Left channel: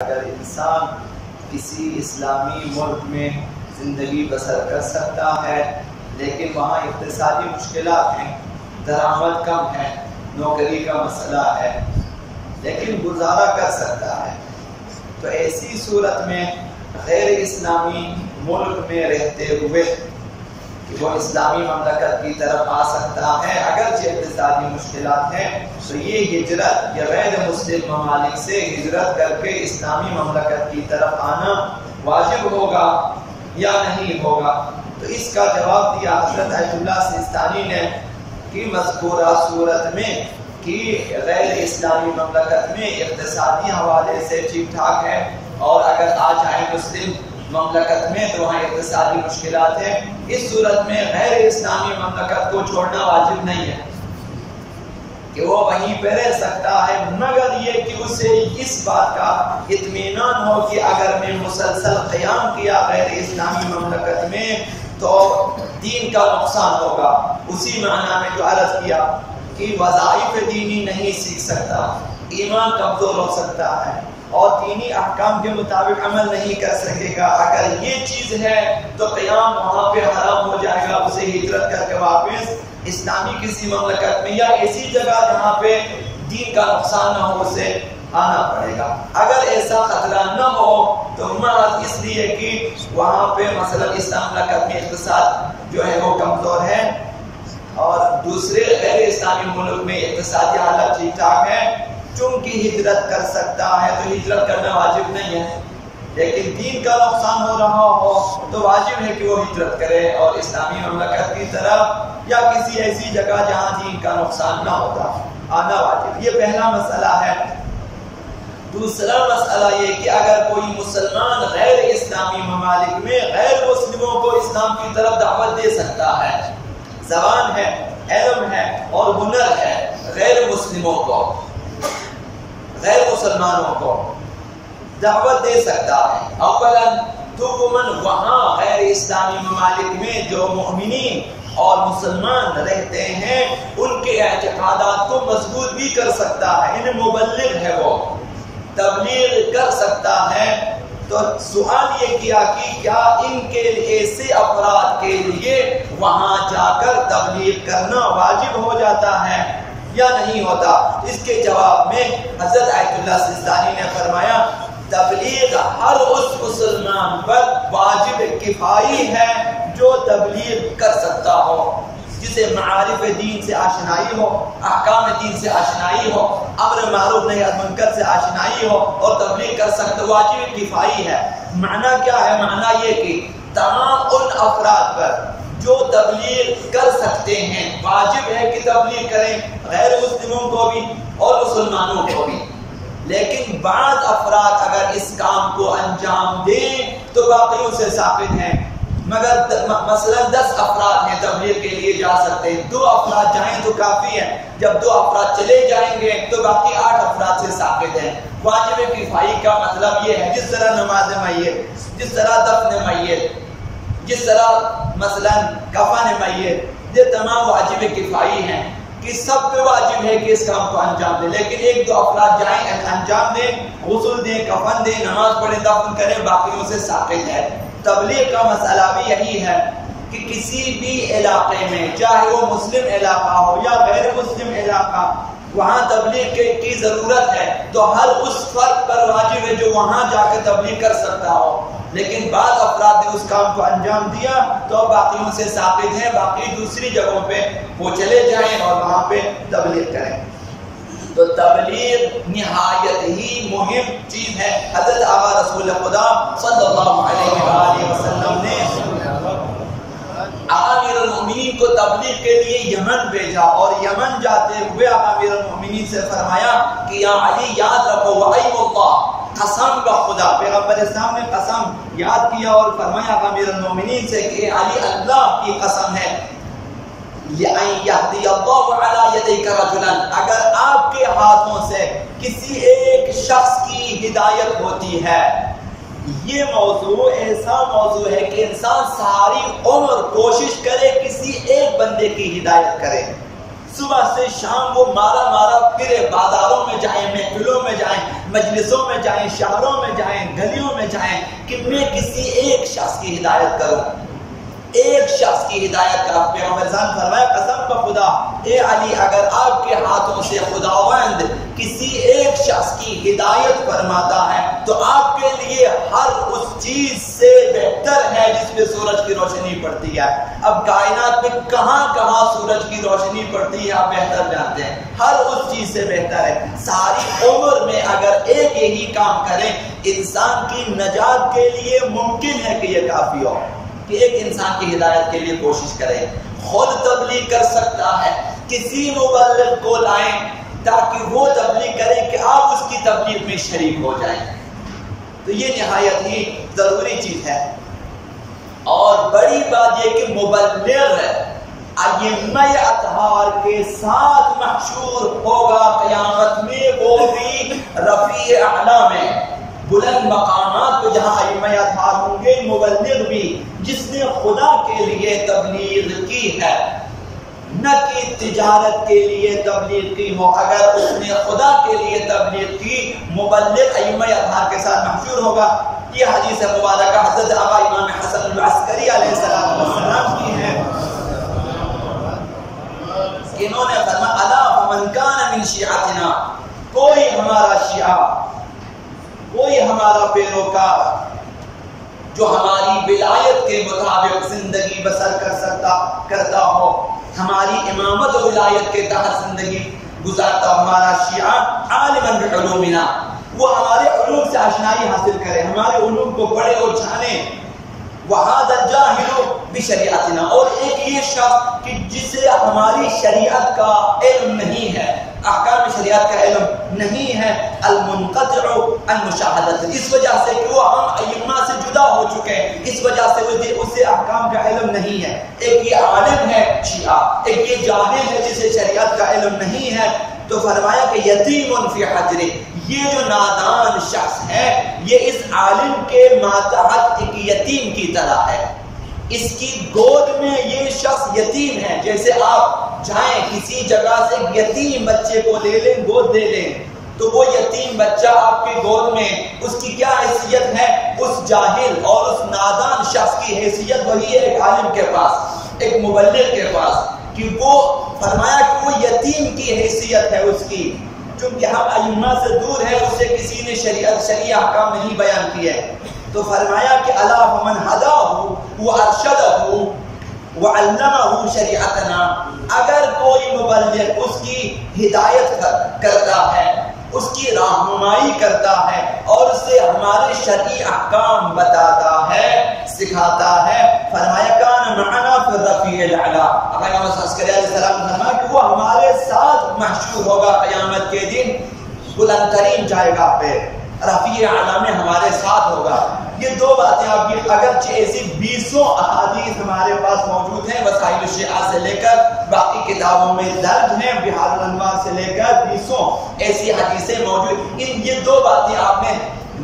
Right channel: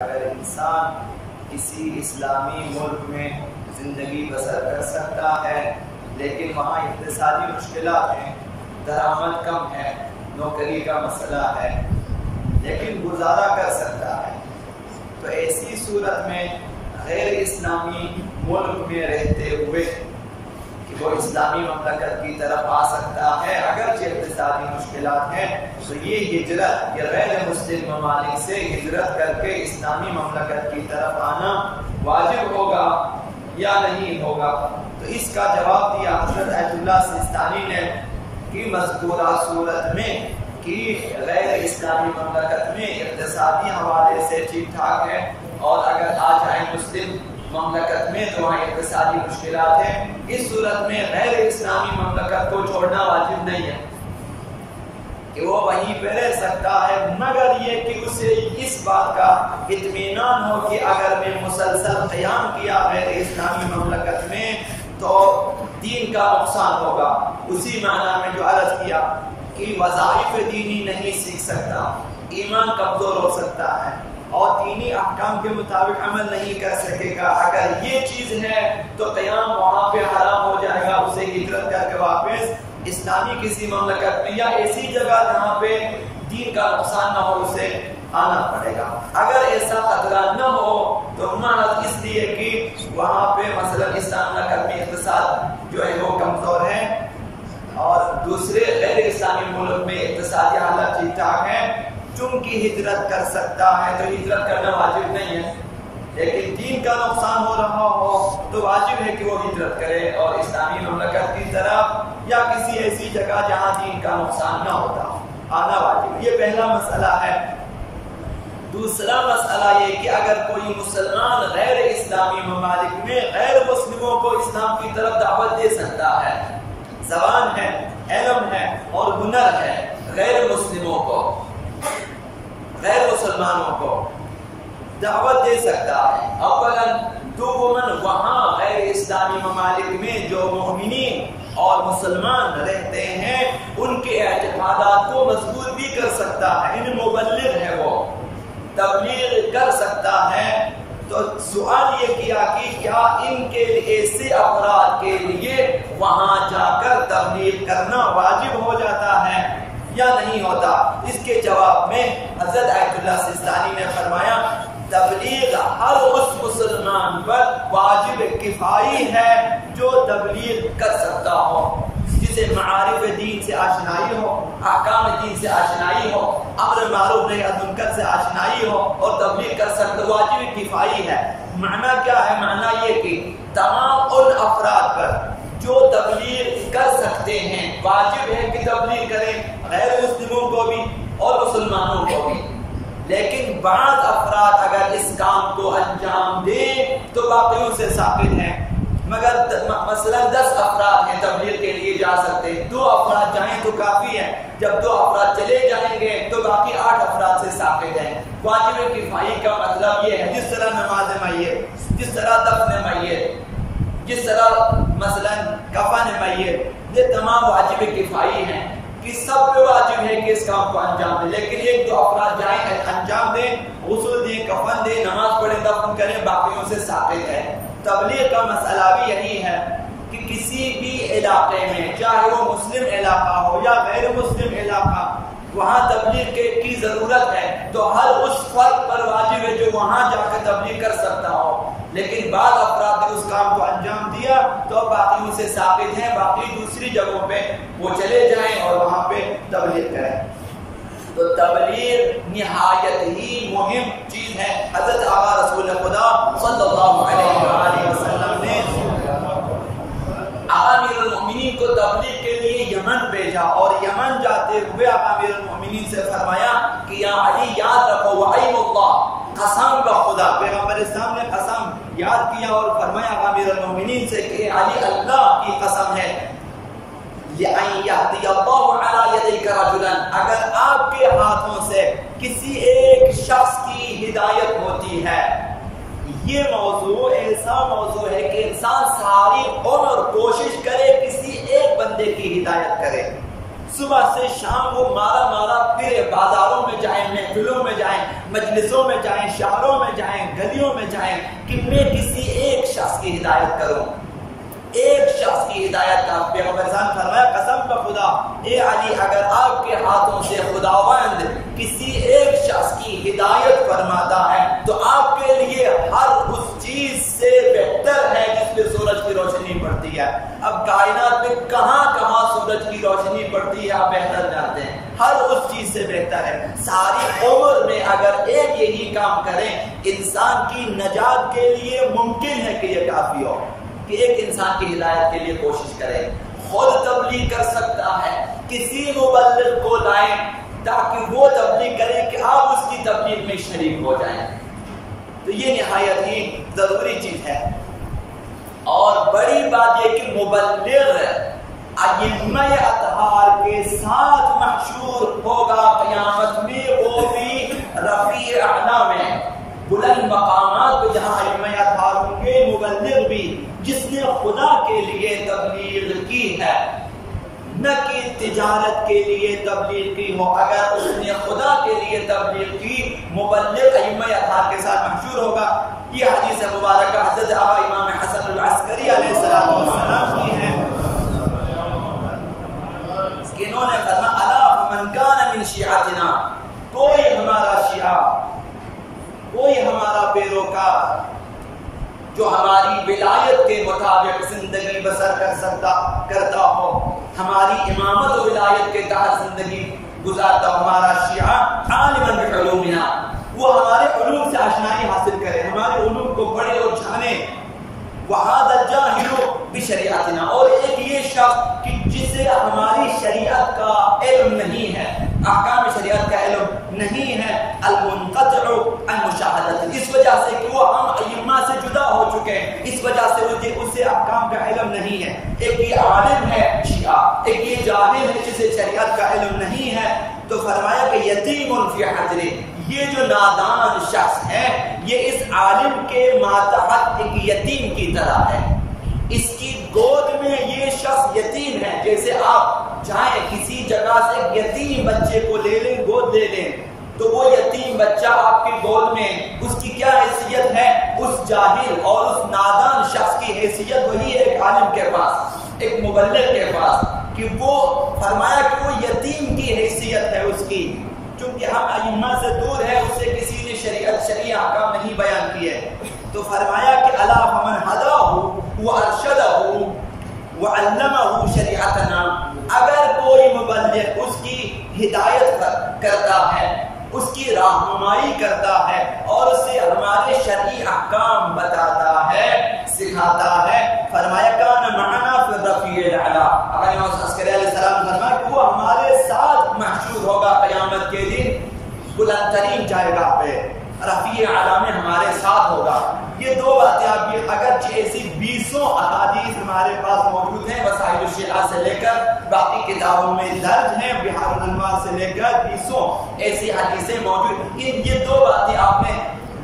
اگر انسان کسی اسلامی ملک میں زندگی بسر کر سکتا ہے لیکن وہاں اقتصادی مشکلات ہیں، درآمد کم ہے، نوکری کا مسئلہ ہے، لیکن گزارا کر سکتا ہے، تو ایسی صورت میں غیر اسلامی ملک میں رہتے ہوئے کہ وہ اسلامی مملکت کی طرف آ سکتا ہے اگرچہ اقتصادی مشکلات ہیں، تو یہ ہجرت یا غیر مسلم ممالک سے ہجرت کر کے اسلامی مملکت کی طرف آنا واجب ہوگا یا نہیں ہوگا؟ تو اس کا جواب دیا حضرت آیت اللہ سیستانی نے کہ مذکورہ صورت میں کہ غیر اسلامی مملکت میں اقتصادی حوالے سے ٹھیک ٹھاک ہے، اور اگر آ جائیں مسلم مملکت میں تو وہاں اقتصادی مشکلات ہیں، اس صورت میں غیر اسلامی مملکت کو چھوڑنا واجب نہیں ہے کہ وہ وہیں پہ رہ سکتا ہے، مگر یہ کہ اسے اس بات کا اطمینان ہو کہ اگر میں مسلسل قیام کیا غیر اسلامی مملکت میں تو دین کا نقصان ہوگا۔ اسی معنی میں جو عرض کیا کہ وظائف دینی نہیں سیکھ سکتا، ایمان کمزور ہو سکتا ہے اور دینی احکام کے مطابق عمل نہیں کر سکے گا، اگر یہ چیز ہے تو قیام وہاں پہ حرام ہو جائے گا، اسے ہجرت کر کے واپس اسلامی کسی مملکت میں یا ایسی جگہ جہاں پہ دین کا نقصان نہ ہو اسے آنا پڑے گا۔ اگر ایسا خطرہ نہ ہو تو محض اس لیے کہ وہاں پہ مثلا اسلام مملکت میں اقتصاد جو ہے وہ کمزور ہے اور دوسرے غیر اسلامی ملک میں اقتصادی حالت ٹھیک ٹھاک ہے، چونکہ ہجرت کر سکتا ہے تو ہجرت کرنا واجب نہیں ہے، لیکن دین کا نقصان ہو رہا ہو تو واجب ہے کہ وہ ہجرت کرے اور اسلامی مملکت کی طرف یا کسی ایسی جگہ جہاں دین کا نقصان نہ ہوتا آنا واجب۔ یہ پہلا مسئلہ ہے۔ دوسرا مسئلہ یہ کہ اگر کوئی مسلمان غیر اسلامی ممالک میں غیر مسلموں کو اسلام کی طرف دعوت دے سکتا ہے، زبان ہے، علم ہے اور ہنر ہے، غیر مسلموں کو، غیر مسلمانوں کو دعوت دے سکتا ہے۔ اولا دوماً وہاں غیر اسلامی ممالک میں جو مومنین اور مسلمان رہتے ہیں ان کے اعتقادات کو مضبوط بھی کر سکتا ہے، ان مبلغ ہے وہ تبلیغ کر سکتا ہے۔ تو سوال یہ کیا کہ کیا ان کے ایسے افراد کے لیے وہاں جا کر تبلیغ کرنا واجب ہو جاتا ہے یا نہیں ہوتا؟ اس کے جواب میں حضرت آیت اللہ سیستانی نے فرمایا تبلیغ ہر اس مسلمان پر واجب کفائی ہے جو تبلیغ کر سکتا ہو، جسے معارف دین سے آشنائی ہو، احکام دین سے آشنائی ہو، امر معروف نہی عن منکر سے آشنائی ہو اور تبلیغ کر سکتا، واجب کفائی ہے۔ معنی کیا ہے؟ معنی یہ کہ تمام ان افراد پر جو تبلیغ کر سکتے ہیں واجب ہے کہ تبلیغ کریں، غیر مسلموں کو بھی اور مسلمانوں کو بھی، لیکن بعض افراد اگر اس کام کو انجام دیں تو باقیوں سے ثابت ہیں، مگر مثلا 10 افراد ہیں تبلیغ کے لیے جا سکتے ہیں، 2 افراد جائیں تو کافی ہے، جب 2 افراد چلے جائیں گے تو باقی 8 افراد سے ثابت ہیں۔ واجب کفائی کا مطلب یہ ہے جس طرح نماز میت، جس طرح دفن میت، جس طرح مثلا کفن میت، یہ تمام واجب کفائی ہیں کہ سب پہ واجب ہے کہ اس کام کو انجام دیں، لیکن 1-2 افراد جائیں انجام دیں، غسل دیں، کفن دیں، نماز پڑھیں، دفن کریں، باقیوں سے ثابت ہے۔ تبلیغ کا مسئلہ بھی یہی ہے کہ کسی بھی علاقے میں چاہے وہ مسلم علاقہ ہو یا غیر مسلم علاقہ، وہاں تبلیغ کی ضرورت ہے تو ہر اس فرد پر واجب ہے جو وہاں جا کر تبلیغ کر سکتا ہو، لیکن بعض افراد نے اس کام کو انجام دیا تو باقیوں سے ثابت ہیں، باقی دوسری جگہوں پہ وہ چلے جائیں اور وہاں پہ تبلیغ کریں۔ تو تبلیغ نہایت ہی مہم چیز ہے۔ حضرت آقا رسول خدا صلی اللہ علیہ وآلہ وسلم نے آقا امیر المؤمنین کو تبلیغ کے لیے یمن بھیجا اور یمن جاتے ہوئے آقا امیر المؤمنین سے فرمایا کہ یا علی یاد رکھو وَأَيْمُ اللَّهِ، قسم بخدا، پیغمبر اسلام نے قسم یاد کیا اور فرمایا آقا امیر المؤمنین سے کہ علی اللہ کی قسم ہے لِأَنْ يَهْدِيَ اللَّهُ عَلَى يَدَيْكَ رَجُلًا، اگر آپ کے ہاتھوں سے کسی ایک شخص کی ہدایت ہوتی ہے۔ یہ موضوع ایسا موضوع ہے کہ انسان ساری عمر کوشش کرے کسی ایک بندے کی ہدایت کرے، صبح سے شام وہ مارا مارا پھرے، بازاروں میں جائیں، محفلوں میں جائیں، مجلسوں میں جائیں، شہروں میں جائیں، گلیوں میں جائیں کہ میں کسی ایک شخص کی ہدایت کروں، ایک شخص کی ہدایت کا۔ پیغمبر نے فرمایا قسم بخدا اے علی، اگر آپ کے ہاتھوں سے خداوند کسی ایک شخص کی ہدایت فرماتا ہے تو آپ کے لیے ہر اس چیز سے بہتر ہے جس پہ سورج کی روشنی پڑتی ہے۔ اب کائنات میں کہاں کہاں سورج کی روشنی پڑتی ہے آپ بہتر جانتے ہیں، ہر اس چیز سے بہتر ہے۔ ساری عمر میں اگر ایک یہی کام کریں انسان کی نجات کے لیے ممکن ہے کہ یہ کافی ہو کہ ایک انسان کی ہدایت کے لیے کوشش کریں۔ خود تبلیغ کر سکتا ہے، کسی مبلغ کو لائیں تاکہ وہ تبلیغ کرے کہ آپ اس کی تبلیغ میں شریک ہو جائیں، تو یہ نہایت ہی ضروری چیز ہے۔ اور بڑی بات یہ کہ مبلغ ائمہ اطہار کے ساتھ محشور ہوگا قیامت میں، وہ بھی رفیع اعلیٰ میں، بلند مقامات پہ جہاں ائمہ اطہار ہوں گے، مبلغ بھی جس نے خدا کے لیے تبلیغ کی ہے، نہ کہ تجارت کے لیے تبلیغ کی ہو، اگر اس نے خدا کے لیے تبلیغ کی مبلغ ائمہ اطہار کے ساتھ محشور ہوگا۔ یہ حدیث مبارکہ حضرت آقا امام حسن العسکری علیہ السلام کی ہے کہ انہوں نے فرمایا الا فمن کان من شیعتنا، کوئی ہمارا شیعہ، کوئی ہمارا پیروکار جو ہماری ولایت کے مطابق زندگی بسر کرتا ہو، ہماری امامت و ولایت کے تحت زندگی گزارتا ہو، ہمارا شیعہ عالما بعلومنا، وہ ہمارے علوم سے آشنائی حاصل کرے، ہمارے علوم کو پڑھے اور جانے، وَهَذَا الْجَاهِلُ بِشَرِيعَتِنَا، اور ایک یہ شخص کہ جسے ہماری شریعت کا علم نہیں ہے، احکام شریعت کا علم نہیں ہے، المنقطع عن مشاہدت، اس وجہ سے کہ وہ ہم ائمہ سے جدا ہو چکے ہیں، اس وجہ سے اسے احکام کا علم نہیں ہے۔ ایک یہ عالم ہے شیعہ، ایک یہ جاہل ہے جسے شریعت کا علم نہیں ہے، تو فرمایا کہ یتیم فی حجر، یہ جو نادان شخص ہے یہ اس عالم کے ماتحت ایک یتیم کی طرح ہے، اس کی گود میں یہ شخص یتیم ہے۔ جیسے آپ جائیں کسی جگہ سے ایک یتیم بچے کو لے لیں، گود دے لیں، تو وہ یتیم بچہ آپ کی گود میں اس کی کیا حیثیت ہے؟ اس جاہل اور اس نادان شخص کی حیثیت وہی ہے ایک عالم کے پاس، ایک مبلغ کے پاس، کہ وہ فرمایا کہ وہ یتیم کی حیثیت ہے اس کی، چونکہ ہم ائمہ سے دور ہے، اسے کسی نے شریعہ احکام نہیں بیان کیے، تو فرمایا کہ الا فمن ہداہ وارشدہ وعلمہ شریعتنا، اگر کوئی مبلغ اس کی ہدایت کرتا ہے، اس کی رہنمائی کرتا ہے اور اسے ہمارے شرعی احکام بتاتا ہے، سکھاتا ہے، فرمایا کان معنا فی الرفیع الاعلی، امام عسکری علیہ السلام نے فرمایا کہ وہ ہمارے ساتھ محشور ہوگا قیامت کے دن بلند ترین جائے پہ، رفیع اعلی میں ہمارے ساتھ ہوگا۔ یہ دو باتیں آپ کی، اگرچہ ایسی 20 احادیث ہمارے پاس موجود ہیں، وسائل الشیعہ سے لے کر باقی کتابوں میں درج ہیں، بحار الانوار سے لے کر 20 ایسی حدیثیں موجود، یہ دو باتیں آپ نے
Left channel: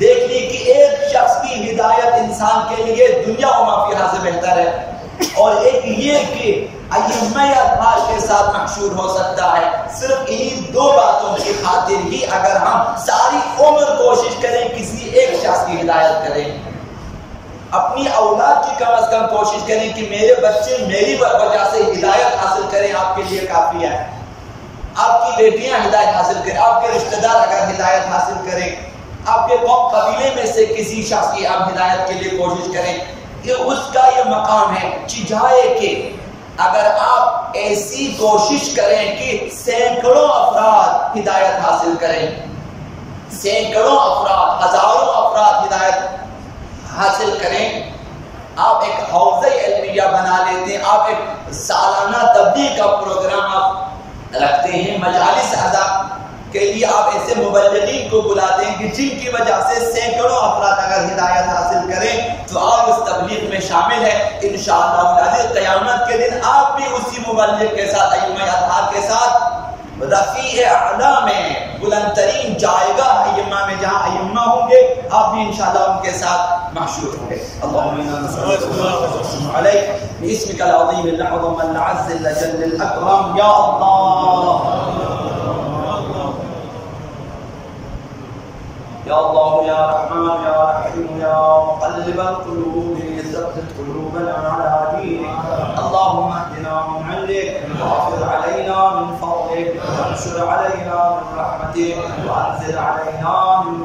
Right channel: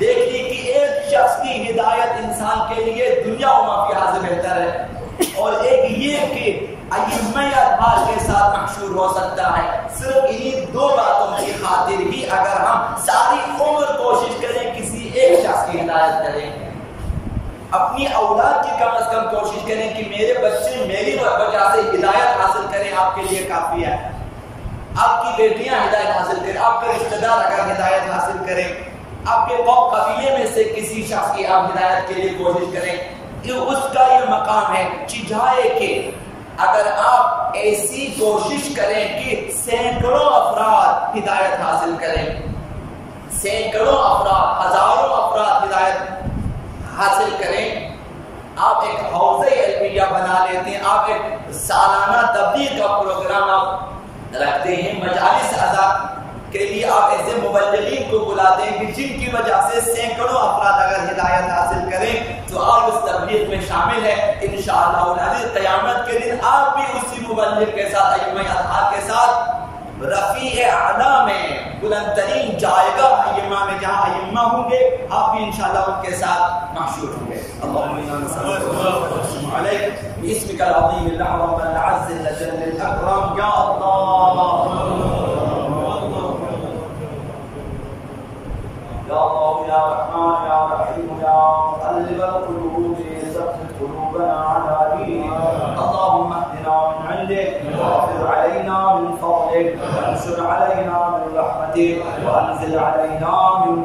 دیکھ لی کہ ایک شخص کی ہدایت انسان کے لیے دنیا و ما فیہا سے بہتر ہے، اور ایک یہ کہ ائمہ اطہار کے ساتھ محشور ہو سکتا ہے۔ صرف انہی دو باتوں کی خاطر ہی اگر ہم ساری عمر کوشش کریں کسی ایک شخص کی ہدایت کریں، اپنی اولاد کی کم از کم کوشش کریں کہ میرے بچے میری وجہ سے ہدایت حاصل کریں، آپ کے لیے کافی ہے۔ آپ کی بیٹیاں ہدایت حاصل کریں، آپ کے رشتہ دار اگر ہدایت حاصل کریں، آپ کے قبیلے میں سے کسی شخص کی آپ ہدایت کے لیے کوشش کریں، یہ اس کا یہ مقام ہے چجائے کہ اگر آپ ایسی کوشش کریں کہ سینکڑوں افراد ہدایت حاصل کریں، سینکڑوں افراد، ہزاروں افراد ہدایت حاصل کریں، آپ ایک حوضہ علمیہ بنا لیتے ہیں، آپ ایک سالانہ تبلیغ کا پروگرام آپ رکھتے ہیں، مجالس اعضاء کے لیے آپ ایسے مبلغین کو بلاتے ہیں کہ جن کی وجہ سے سینکڑوں افراد اگر ہدایت حاصل کریں تو آپ اس تبلیغ میں شامل ہیں، انشاءاللہ العزیز قیامت کے دن آپ بھی اسی مبلغ کے ساتھ، ائمہ اطہار کے ساتھ رفیع اعلیٰ میں بلند ترین جائگاہ ائمہ میں جہاں ائمہ ہوں گے آپ بھی انشاءاللہ ان کے ساتھ محشور ہوں گے. اللهم انا نسألك عليك باسمك العظيم الاعظم العز الجل الاكرم يا الله يا الله يا رحمن يا رحيم يا مقلب القلوب ثبت قلوبنا على دينك. اللهم اهدنا من عندك واغفر علينا من فضلك وانشر علينا من رحمتك وانزل علينا من